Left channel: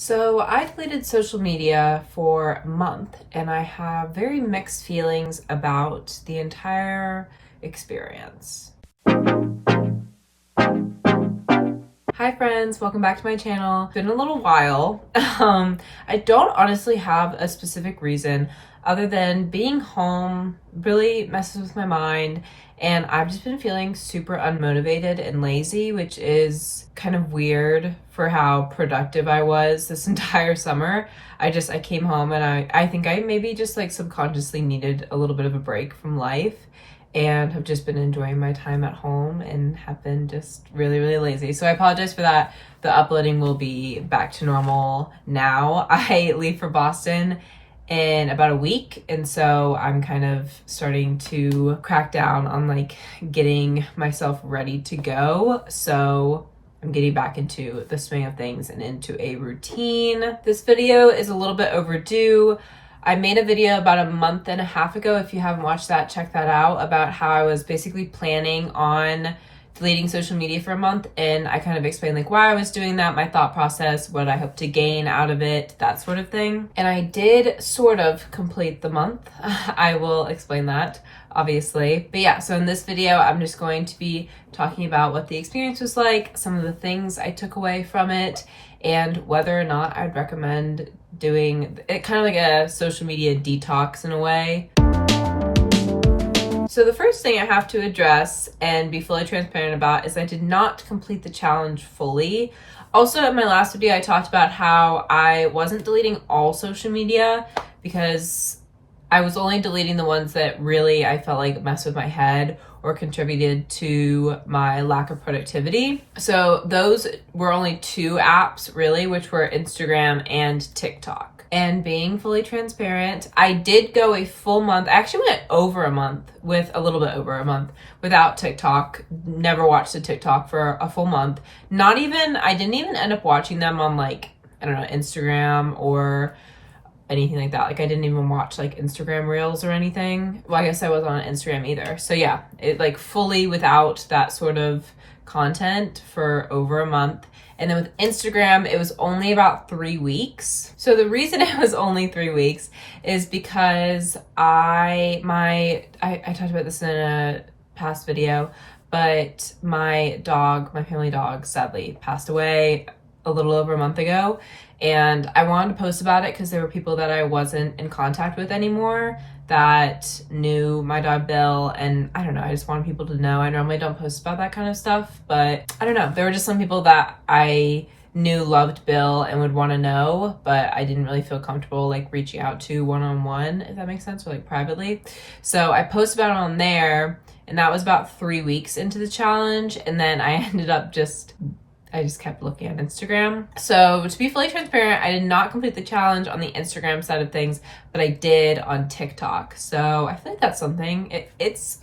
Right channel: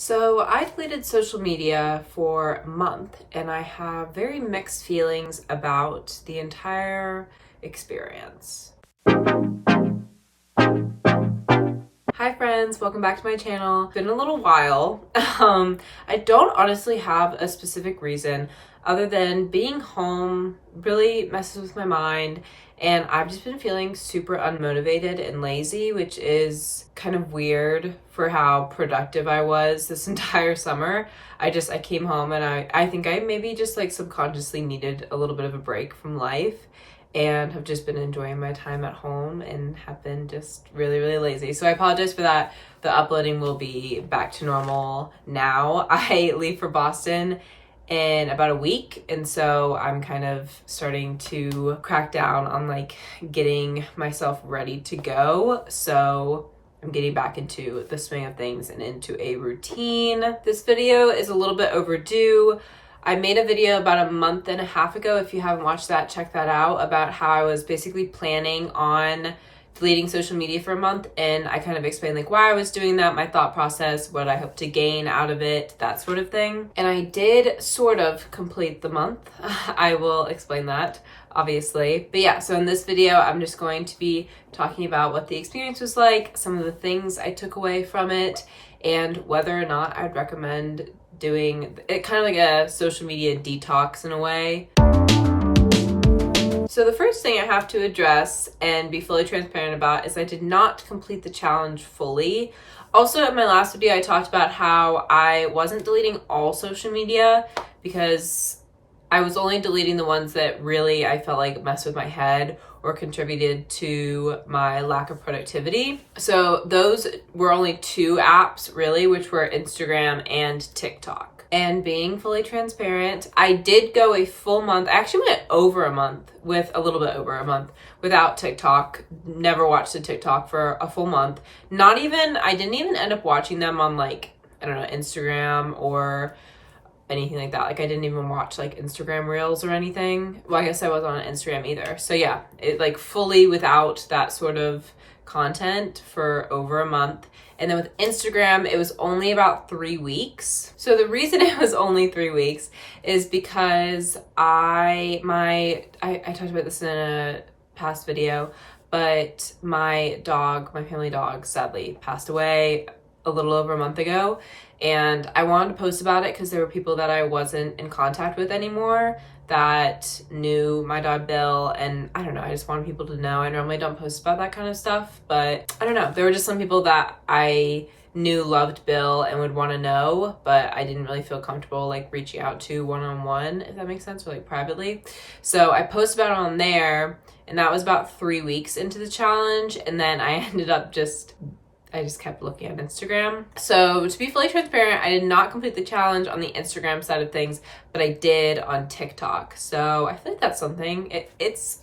So I deleted social media for a month and I have very mixed feelings about the entire experience. Hi friends, welcome back to my channel. It's been a little while. I don't honestly have a specific reason other than being home really messes with my mind, and I've just been feeling super unmotivated and lazy, which is kind of weird for how productive I was this entire summer. I came home and I think I maybe just like subconsciously needed a little bit of a break from life and have just been enjoying my time at home and have been just really lazy. So I apologize for that. The uploading will be back to normal now. I leave for Boston in about a week, and so I'm kind of starting to crack down on like getting myself ready to go. So I'm getting back into the swing of things and into a routine. This video is a little bit overdue. I made a video about a month and a half ago. If you haven't watched that, check that out, about how I was basically planning on deleting social media for a month, and I kind of explained like why I was doing that, my thought process, what I hope to gain out of it, that sort of thing. And I did sort of complete the month. I will explain that obviously. But yeah, so in this video, I'm just going to be talking about what the experience was like, some of the things I took away from it, and whether or not I'd recommend doing it, kind of like a social media detox in a way. So the first thing I have to address and be fully transparent about is I did not complete the challenge fully. Also, in my last video, I talked about how I wasn't deleting all social media because I was only deleting the ones that really I felt like messed with my head or contributed to my lack of productivity. So those were only two apps really, which were Instagram and TikTok. And being fully transparent, I did go a full month. I actually went over a month, with a little bit over a month without TikTok. Never watched a TikTok for a full month. I didn't even end up watching them on like, I don't know, Instagram or anything like that. Like I didn't even watch like Instagram reels or anything. Well, I guess I wasn't on Instagram either. So yeah, it like fully without that sort of content for over a month. And then with Instagram, it was only about 3 weeks. So the reason it was only 3 weeks is because I talked about this in a past video, but my family dog sadly passed away a little over a month ago. And I wanted to post about it because there were people that I wasn't in contact with anymore that knew my dog Bill, and I don't know, I just wanted people to know. I normally don't post about that kind of stuff, but I don't know, there were just some people that I knew loved Bill and would want to know, but I didn't really feel comfortable like reaching out to one-on-one, if that makes sense, or like privately. So I posted about it on there, and that was about 3 weeks into the challenge, and then I ended up I just kept looking at Instagram. So to be fully transparent, I did not complete the challenge on the Instagram side of things, but I did on TikTok. So I feel like that's something.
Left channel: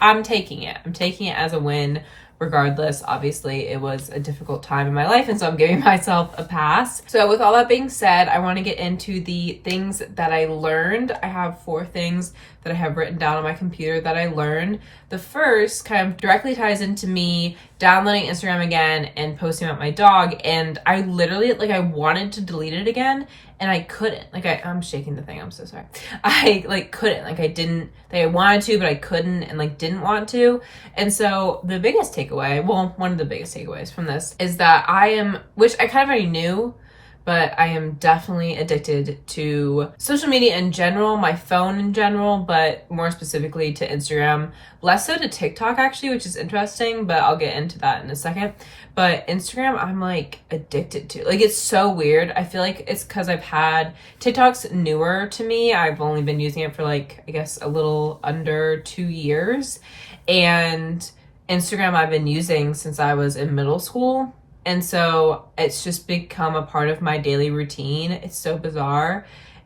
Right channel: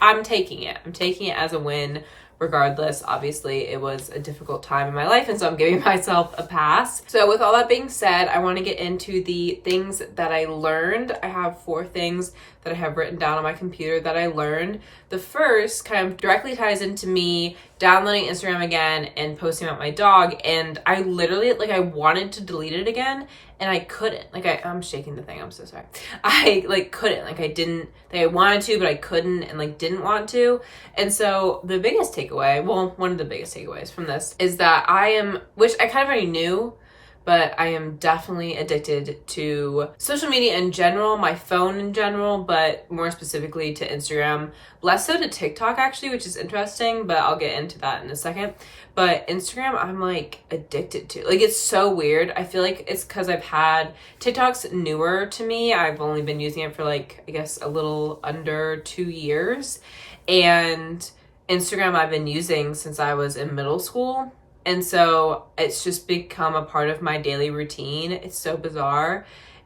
I'm taking it. I'm taking it as a win. Regardless, obviously it was a difficult time in my life, and so I'm giving myself a pass. So with all that being said, I want to get into the things that I learned. I have 4 things that I have written down on my computer that I learned. The first kind of directly ties into me downloading Instagram again and posting about my dog, and I literally, like, I wanted to delete it again and I couldn't. Like, I'm shaking the thing, I'm so sorry. I like couldn't, like I wanted to, but I couldn't, and like didn't want to. And so the biggest takeaway, well, one of the biggest takeaways from this is that which I kind of already knew, but I am definitely addicted to social media in general, my phone in general, but more specifically to Instagram. Less so to TikTok actually, which is interesting, but I'll get into that in a second. But Instagram, I'm like addicted to. Like, it's so weird. I feel like it's because TikTok's newer to me. I've only been using it for like, I guess a little under 2 years. And Instagram I've been using since I was in middle school. And so it's just become a part of my daily routine. It's so bizarre.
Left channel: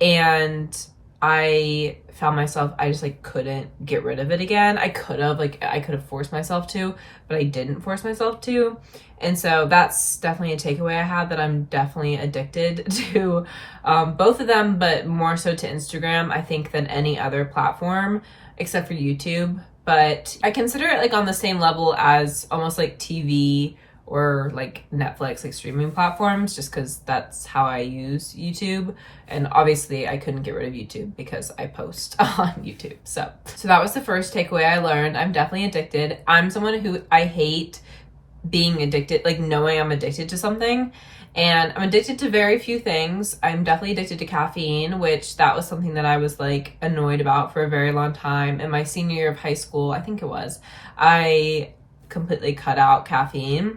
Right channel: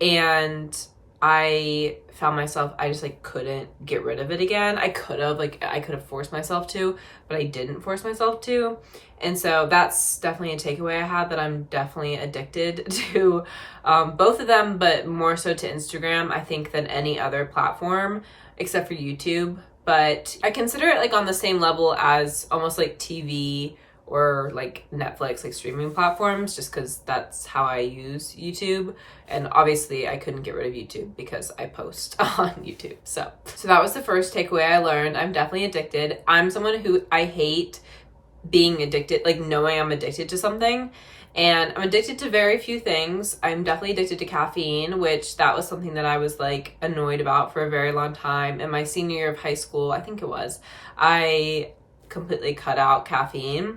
And I found myself, I just like couldn't get rid of it again. I could have forced myself to, but I didn't force myself to. And so that's definitely a takeaway I had, that I'm definitely addicted to both of them, but more so to Instagram, I think, than any other platform except for YouTube. But I consider it like on the same level as almost like TV or like Netflix, like streaming platforms, just because that's how I use YouTube. And obviously I couldn't get rid of YouTube because I post on YouTube. So that was the first takeaway I learned. I'm definitely addicted. I'm someone who I hate being addicted, like knowing I'm addicted to something. And I'm addicted to very few things. I'm definitely addicted to caffeine, which that was something that I was like annoyed about for a very long time. In my senior year of high school, I think it was, I completely cut out caffeine,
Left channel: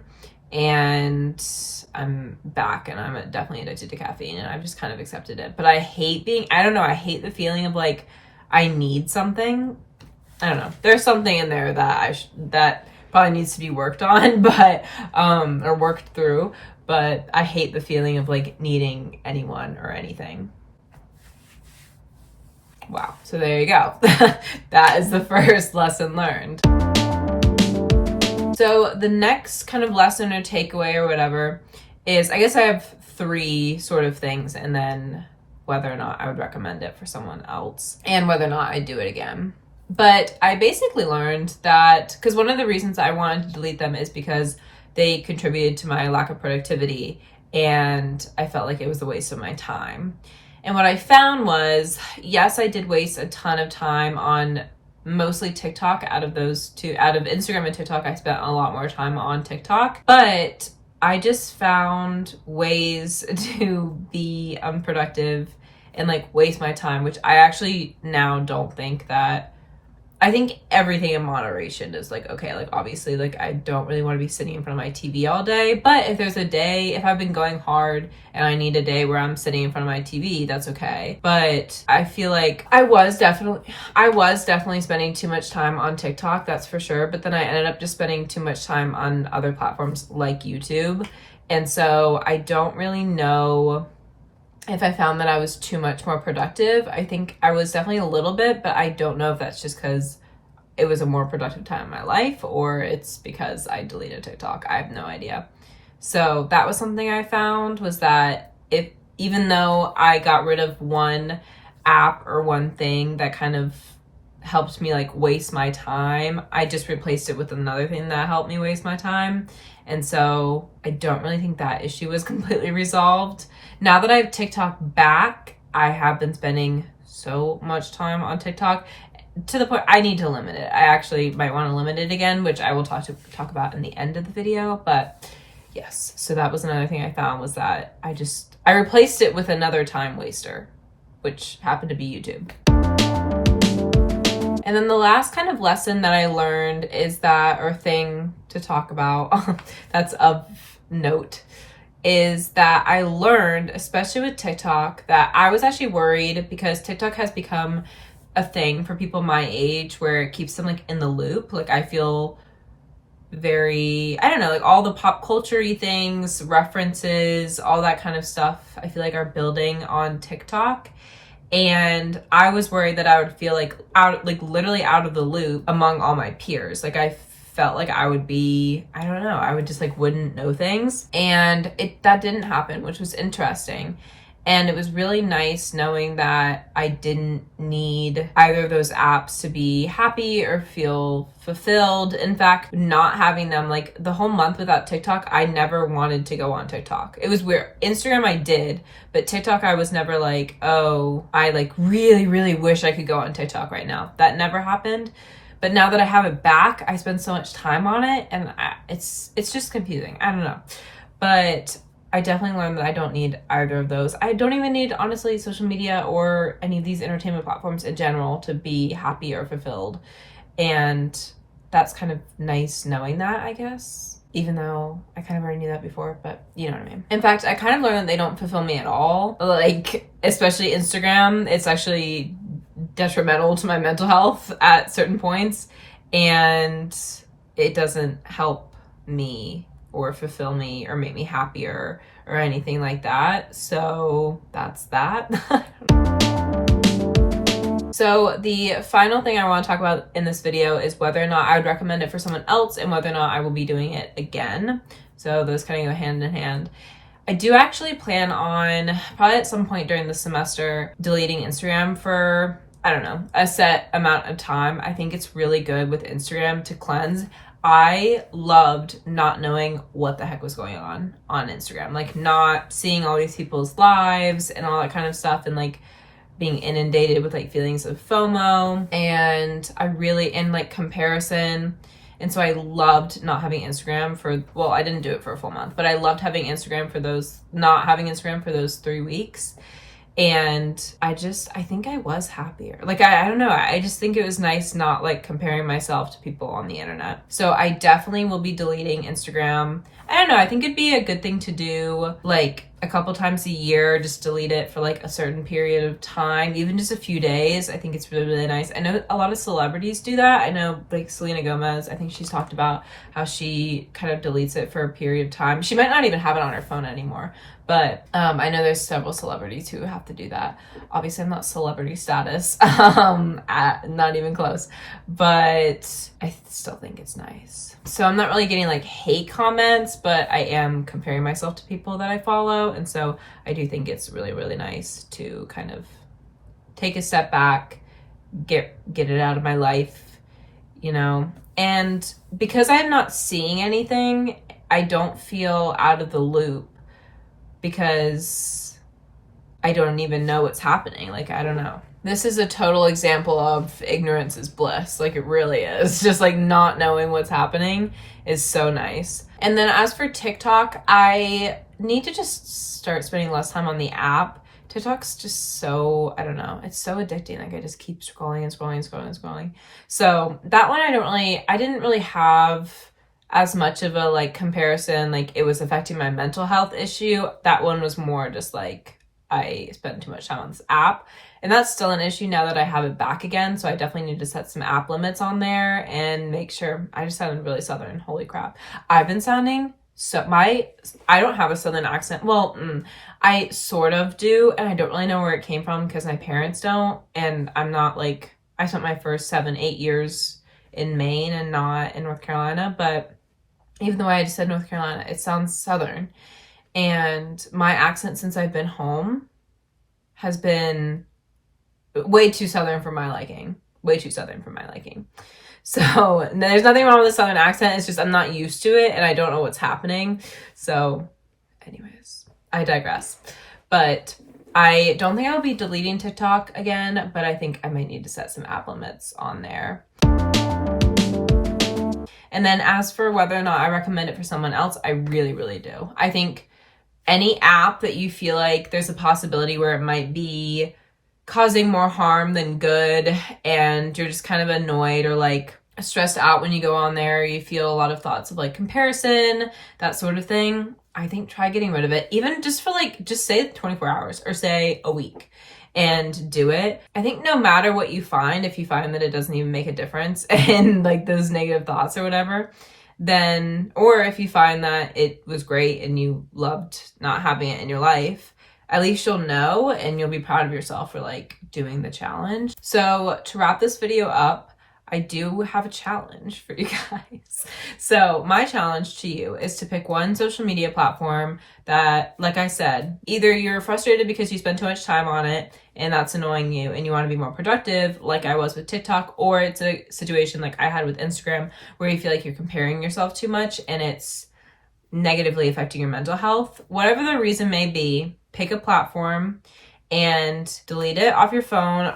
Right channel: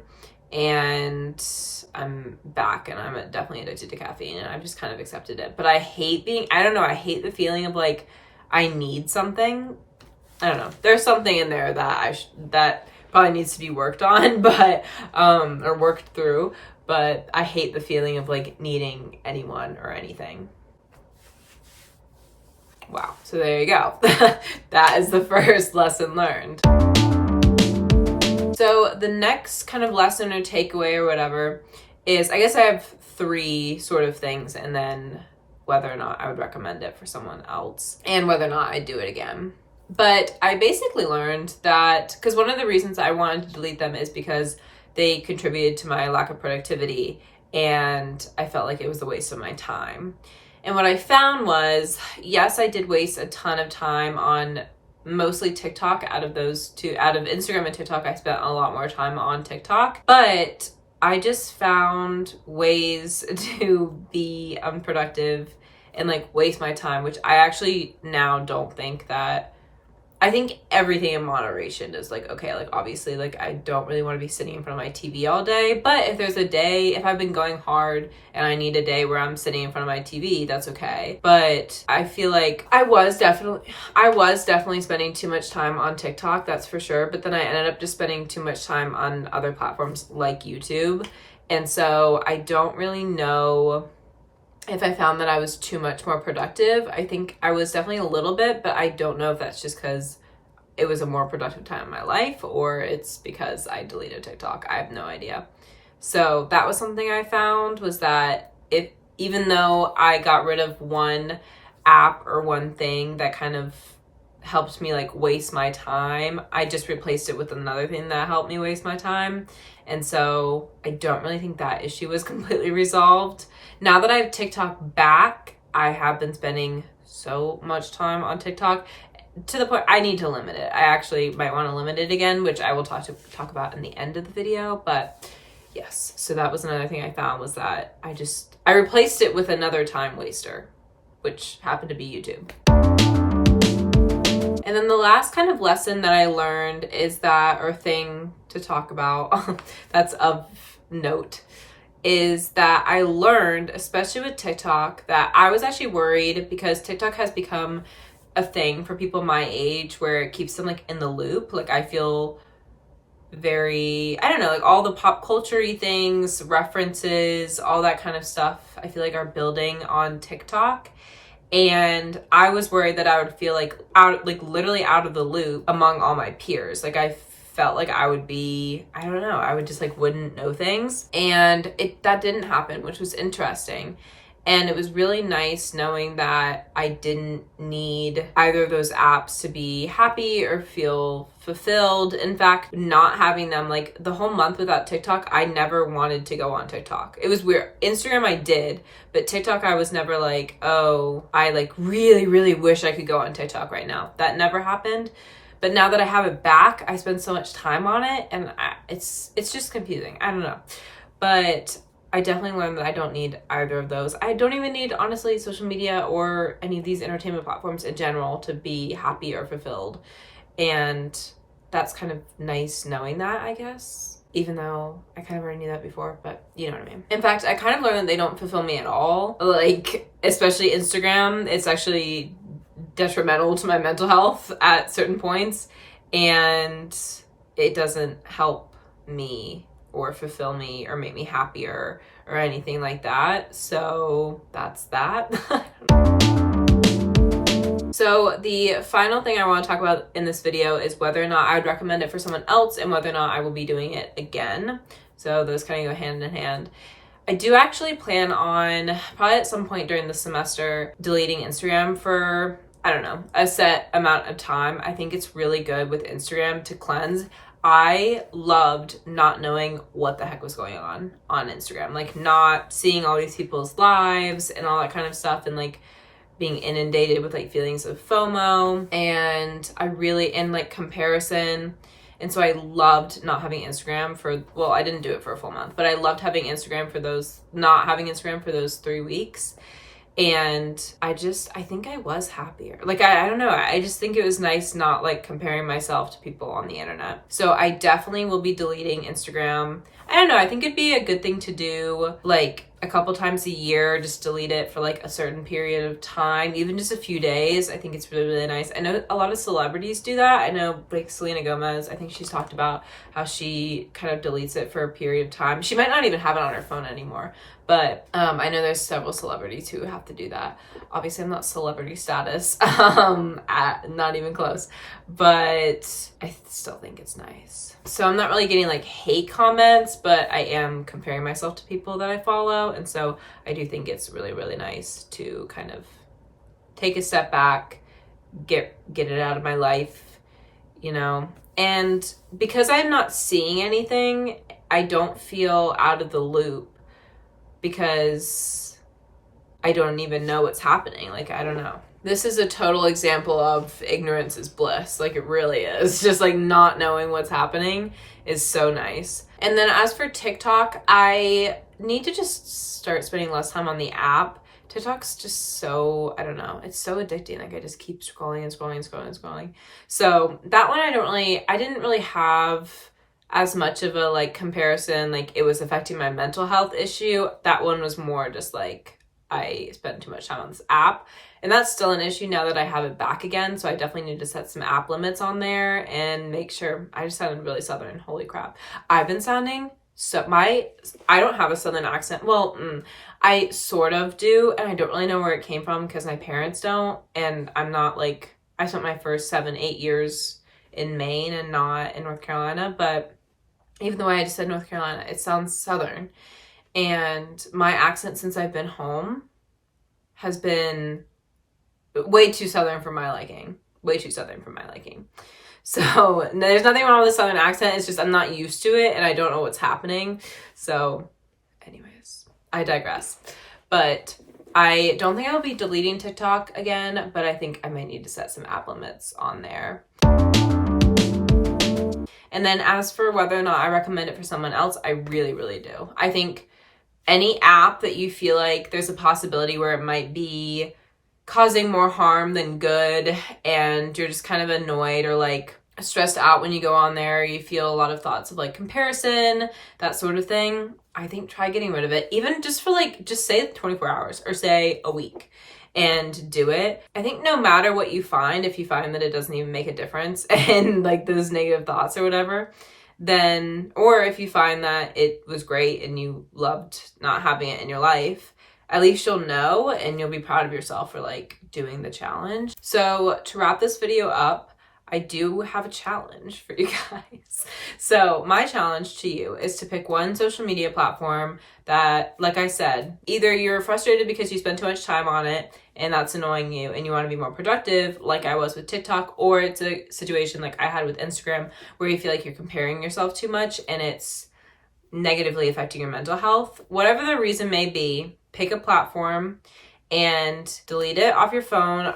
and I'm back and I'm definitely addicted to caffeine, and I've just kind of accepted it. But I hate I don't know, I hate the feeling of like I need something. I don't know. There's something in there that that probably needs to be worked on, but or worked through. But I hate the feeling of like needing anyone or anything. Wow. So there you go. That is the first lesson learned. So the next kind of lesson or takeaway or whatever is, I guess I have 3 sort of things, and then whether or not I would recommend it for someone else and whether or not I'd do it again. But I basically learned that, because one of the reasons I wanted to delete them is because they contributed to my lack of productivity, and I felt like it was a waste of my time. And what I found was, yes, I did waste a ton of time on mostly TikTok. Out of Instagram and TikTok, I spent a lot more time on TikTok, but I just found ways to be unproductive and like waste my time, which I actually now don't think that. I think everything in moderation is like, okay, like obviously like I don't really want to be sitting in front of my TV all day, but if there's a day, if I've been going hard and I need a day where I'm sitting in front of my TV, that's okay. But I feel like I was definitely spending too much time on TikTok, that's for sure. But then I ended up just spending too much time on other platforms like YouTube. And so I don't really know if I found that I was too much more productive. I think I was definitely a little bit, but I don't know if that's just because it was a more productive time in my life or it's because I deleted TikTok. I have no idea. So that was something I found, was that even though I got rid of one app or one thing that kind of helped me like waste my time, I just replaced it with another thing that helped me waste my time. And so I don't really think that issue was completely resolved. Now that I have TikTok back, I have been spending so much time on TikTok to the point I need to limit it. I actually might want to limit it again, which I will talk about in the end of the video. But yes, so that was another thing I found, was that I replaced it with another time waster, which happened to be YouTube. And then the last kind of lesson that I learned is that, or thing to talk about that's of note, is that I learned, especially with TikTok, that I was actually worried because TikTok has become a thing for people my age where it keeps them like in the loop. Like I feel very, I don't know, like all the pop culture-y things, references, all that kind of stuff, I feel like are building on TikTok. And I was worried that I would feel like literally out of the loop among all my peers. Like I felt like I would be, I don't know, I would just like wouldn't know things. And that didn't happen, which was interesting. And it was really nice knowing that I didn't need either of those apps to be happy or feel fulfilled. In fact, not having them, like the whole month without TikTok, I never wanted to go on TikTok. It was weird. Instagram I did, but TikTok I was never like, oh, I like really, really wish I could go on TikTok right now. That never happened. But now that I have it back, I spend so much time on it, and it's just confusing. I don't know. But I definitely learned that I don't need either of those. I don't even need, honestly, social media or any of these entertainment platforms in general to be happy or fulfilled. And that's kind of nice knowing that, I guess. Even though I kind of already knew that before, but you know what I mean. In fact, I kind of learned that they don't fulfill me at all. Like, especially Instagram, it's actually detrimental to my mental health at certain points. And it doesn't help me or fulfill me or make me happier or anything like that. So that's that. So the final thing I want to talk about in this video is whether or not I would recommend it for someone else and whether or not I will be doing it again. So those kind of go hand in hand. I do actually plan on, probably at some point during the semester, deleting Instagram for, I don't know, a set amount of time. I think it's really good with Instagram to cleanse. I loved not knowing what the heck was going on Instagram, like not seeing all these people's lives and all that kind of stuff, and like being inundated with like feelings of FOMO and like comparison. And so I loved not having Instagram for, well, I didn't do it for a full month, but I loved having Instagram for not having Instagram for those 3 weeks. And I think I was happier. Like, I don't know. I just think it was nice not like comparing myself to people on the internet. So I definitely will be deleting Instagram. I don't know. I think it'd be a good thing to do like a couple times a year, just delete it for like a certain period of time, even just a few days. I think it's really, really nice. I know a lot of celebrities do that. I know like Selena Gomez, I think she's talked about how she kind of deletes it for a period of time. She might not even have it on her phone anymore. But I know there's several celebrities who have to do that. Obviously, I'm not celebrity status, not even close. But I still think it's nice. So I'm not really getting like hate comments, but I am comparing myself to people that I follow. And so I do think it's really, really nice to kind of take a step back, get it out of my life, you know. And because I'm not seeing anything, I don't feel out of the loop, because I don't even know what's happening. Like, I don't know. This is a total example of ignorance is bliss. Like, it really is. Just like not knowing what's happening is so nice. And then as for TikTok, I need to just start spending less time on the app. TikTok's just so, I don't know, it's so addicting. Like, I just keep scrolling and scrolling and scrolling and scrolling. So that one I didn't really have as much of a like comparison, like it was affecting my mental health issue. That one was more just like I spent too much time on this app, and that's still an issue now that I have it back again. So I definitely need to set some app limits on there and make sure. I just sounded really Southern. Holy crap. I've been sounding so, I don't have a Southern accent. Well, I sort of do, and I don't really know where it came from because my parents don't, and I'm not like, I spent my first 7-8 years in Maine and not in North Carolina, but even though I just said North Carolina, it sounds Southern. And my accent since I've been home has been way too Southern for my liking. Way too Southern for my liking. So there's nothing wrong with the Southern accent. It's just I'm not used to it and I don't know what's happening. So anyways, I digress. But I don't think I'll be deleting TikTok again, but I think I might need to set some app limits on there. And then as for whether or not I recommend it for someone else, I really, really do. I think any app that you feel like there's a possibility where it might be causing more harm than good, and you're just kind of annoyed or like stressed out when you go on there, you feel a lot of thoughts of like comparison, that sort of thing, I think try getting rid of it, even just for like, just say 24 hours or say a week. And do it. I think no matter what you find, if you find that it doesn't even make a difference and like those negative thoughts or whatever, then, or if you find that it was great and you loved not having it in your life, at least you'll know and you'll be proud of yourself for like doing the challenge. So to wrap this video up, I do have a challenge for you guys. So my challenge to you is to pick one social media platform that, like I said, either you're frustrated because you spend too much time on it and that's annoying you and you want to be more productive, like I was with TikTok, or it's a situation like I had with Instagram where you feel like you're comparing yourself too much and it's negatively affecting your mental health. Whatever the reason may be, pick a platform and delete it off your phone.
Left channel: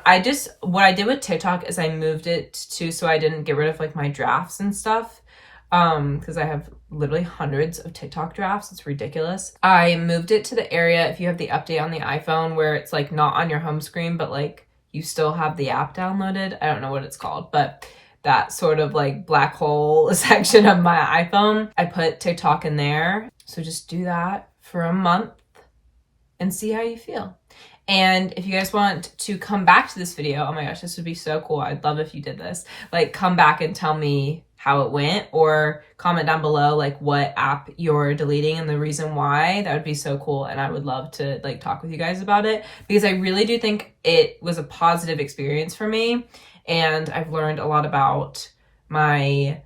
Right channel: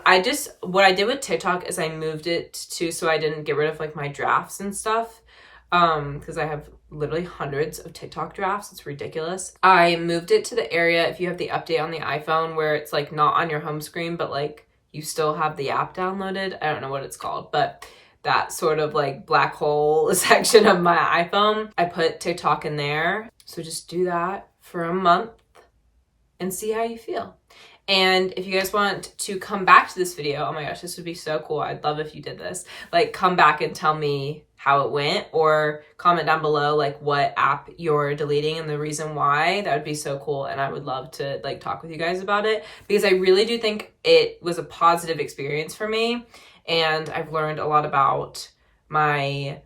What I did with TikTok is I moved it to, so I didn't get rid of like my drafts and stuff, because I have literally hundreds of TikTok drafts. It's ridiculous. I moved it to the area, if you have the update on the iPhone, where it's like not on your home screen, but like you still have the app downloaded. I don't know what it's called, but that sort of like black hole section of my iPhone, I put TikTok in there. So just do that for a month and see how you feel. And if you guys want to come back to this video, oh my gosh, this would be so cool. I'd love if you did this. Like, come back and tell me how it went, or comment down below like what app you're deleting and the reason why. That would be so cool, and I would love to like talk with you guys about it, because I really do think it was a positive experience for me, and I've learned a lot about my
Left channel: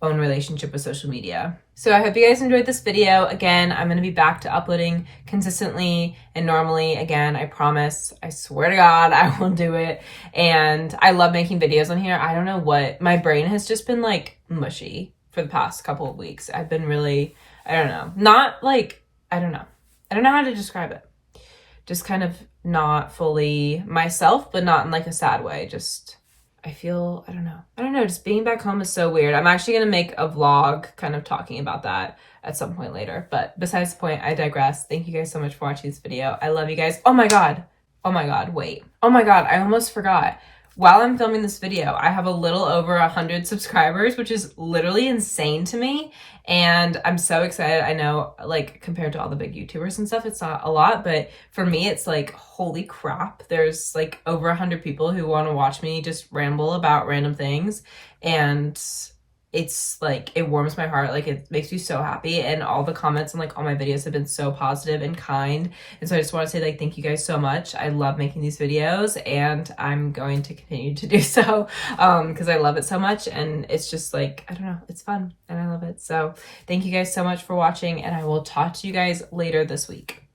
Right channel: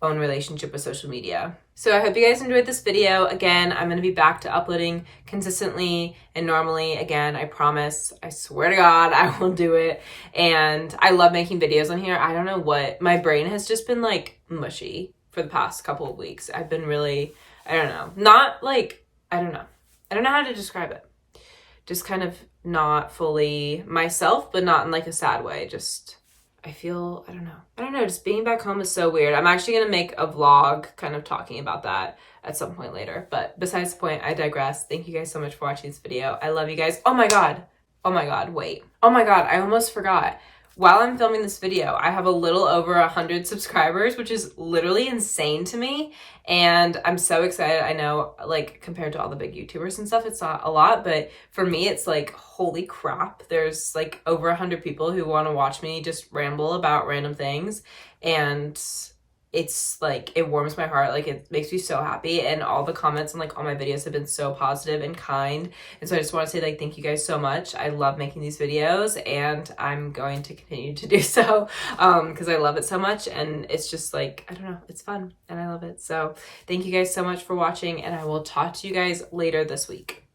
own relationship with social media. So I hope you guys enjoyed this video. Again, I'm going to be back to uploading consistently and normally again. I promise. I swear to God, I will do it. And I love making videos on here. I don't know what, my brain has just been like mushy for the past couple of weeks. I've been really, I don't know, not like, I don't know how to describe it. Just kind of not fully myself, but not in like a sad way. Just, I feel, I don't know, just being back home is so weird. I'm actually going to make a vlog kind of talking about that at some point later. But besides the point, I digress. Thank you guys so much for watching this video. I love you guys. Oh my God, wait. Oh my God, I almost forgot. While I'm filming this video, I have a little over 100 subscribers, which is literally insane to me. And I'm so excited. I know, like, compared to all the big YouTubers and stuff, it's not a lot, but for me, it's like, holy crap. There's like over 100 people who want to watch me just ramble about random things. And it's like, it warms my heart. Like, it makes me so happy. And all the comments and like all my videos have been so positive and kind. And so I just want to say, like, thank you guys so much. I love making these videos, and I'm going to continue to do so because I love it so much. And it's just like, I don't know, it's fun and I love it. So thank you guys so much for watching, and I will talk to you guys later this week.